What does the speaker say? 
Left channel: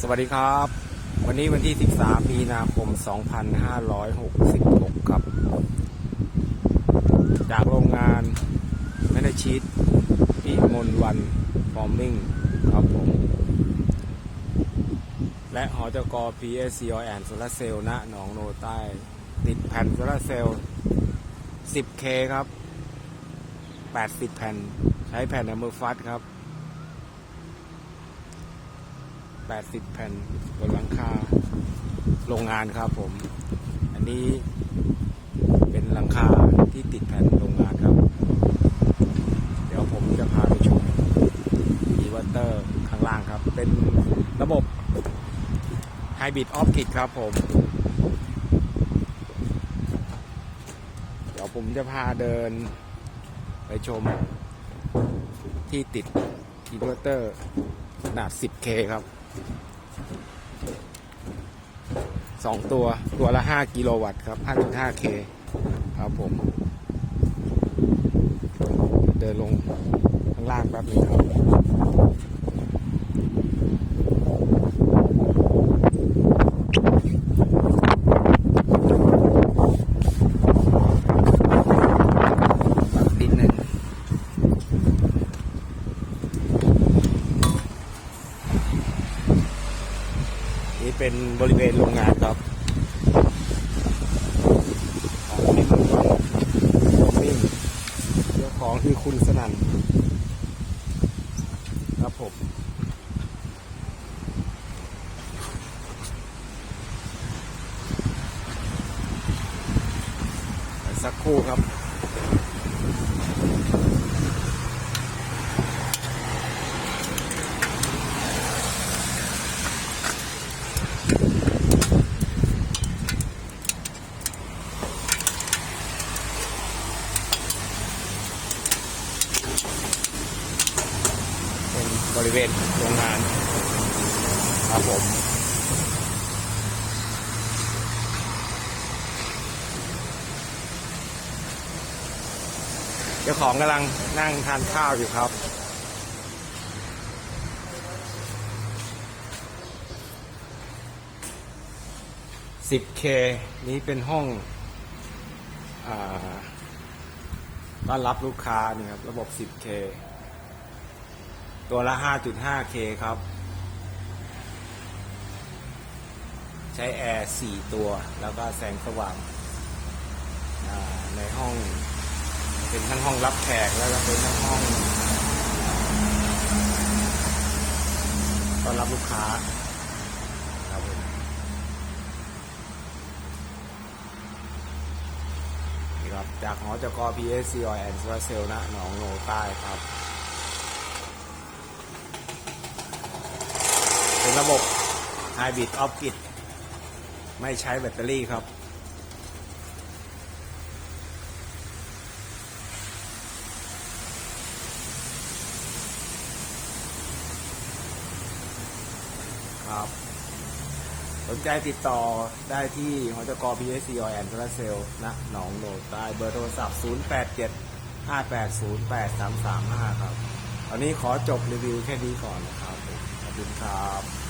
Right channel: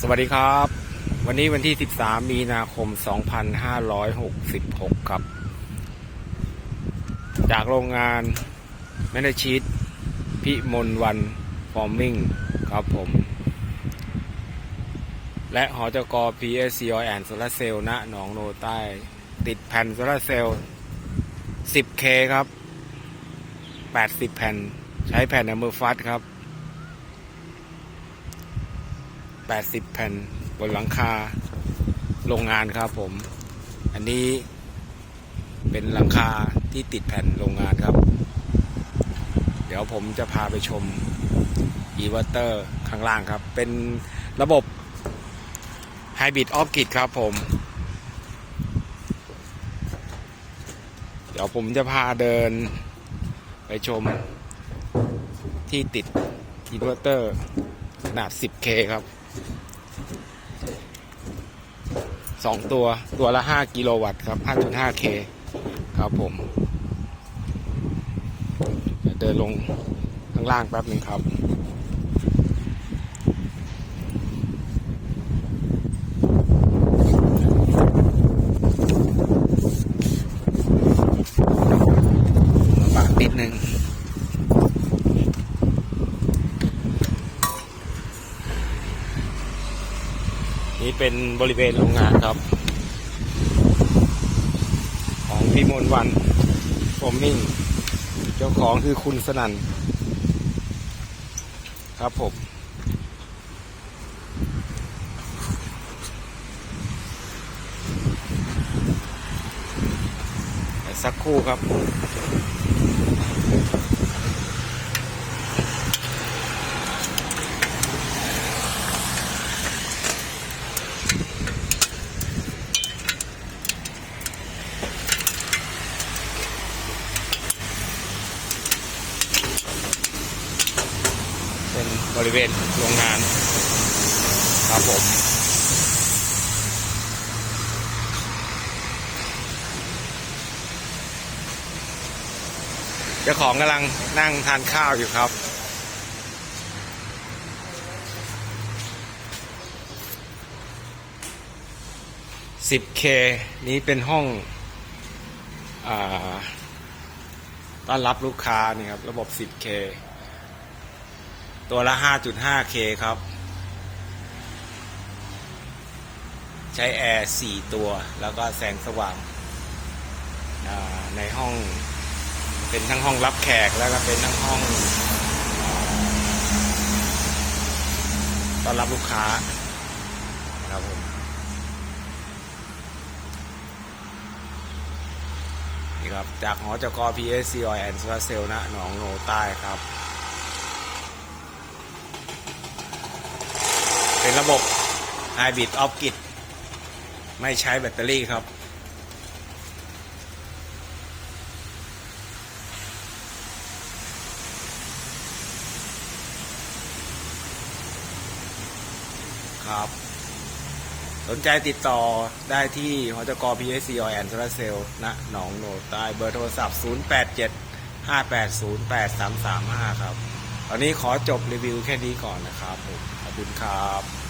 สวัสดีครับ วันนี้วันที่ 13 มีนาคม 2566 ครับ จากโรงงานแมนชีตพิมลวันฟอร์มิงครับผม และหอจก PSC Oil and Solar Cell ณหนองโนใต้ ติดแผ่นโซลาร์เซลล์ 10K ครับ 80 แผ่น ใช้แผ่นอัมอร์ฟัตครับ 80 แผ่นบนหลังคาโรงงานครับผม อันนี้เป็นหลังคาที่ติดแผ่นโรงงานครับ เดี๋ยวผมจะพาไปชมอีเวอร์เตอร์ข้างล่างครับ เป็นระบบไฮบริดออฟกิดครับผม เดี๋ยวผมจะพาเดินไปชมที่ติดอินเวอร์เตอร์ขนาด 10K ครับ สองตัวตัวละห้ากิโลวัตต์ครับห้าจุดห้าเคครับผม เดินลงข้างล่างแป๊บหนึ่งครับางติดหนึ่ง นี่เป็นบริเวณโรงงานครับ ของพี่มนวันโฟมมิ่งเจ้าของคือคุณสนั่นครับผมสักครู่ครับ บริเวณโรงงานครับผมเจ้าของกำลังนั่งทานข้าวอยู่ครับ 10K นี้เป็นห้องอต้อนรับลูกค้านี่ครับ ระบบ 10K ตัวละ 5.5K ครับ ใช้แอร์ 4 ตัว แล้วก็แสงสว่างในห้อง เป็นทั้งห้องรับแขก แล้วก็เป็นทั้งห้องต้อนรับลูกค้าครับผมนี่ครับ จากหอจก PSC Oil and Solar Cell นะหนองโนใต้ครับ เป็นระบบ Hybrid Off Grid ไม่ใช้แบตเตอรี่ครับ ครับ สนใจติดต่อได้ที่หอจก PSC Oil and Solar Cell ณหนองโนดใต้เบอร์โทรศัพท์ 087 580 8335 ครับ ตอนนี้ขอจบรีวิวแค่นี้ก่อนนะครับผม ขอบคุณครับ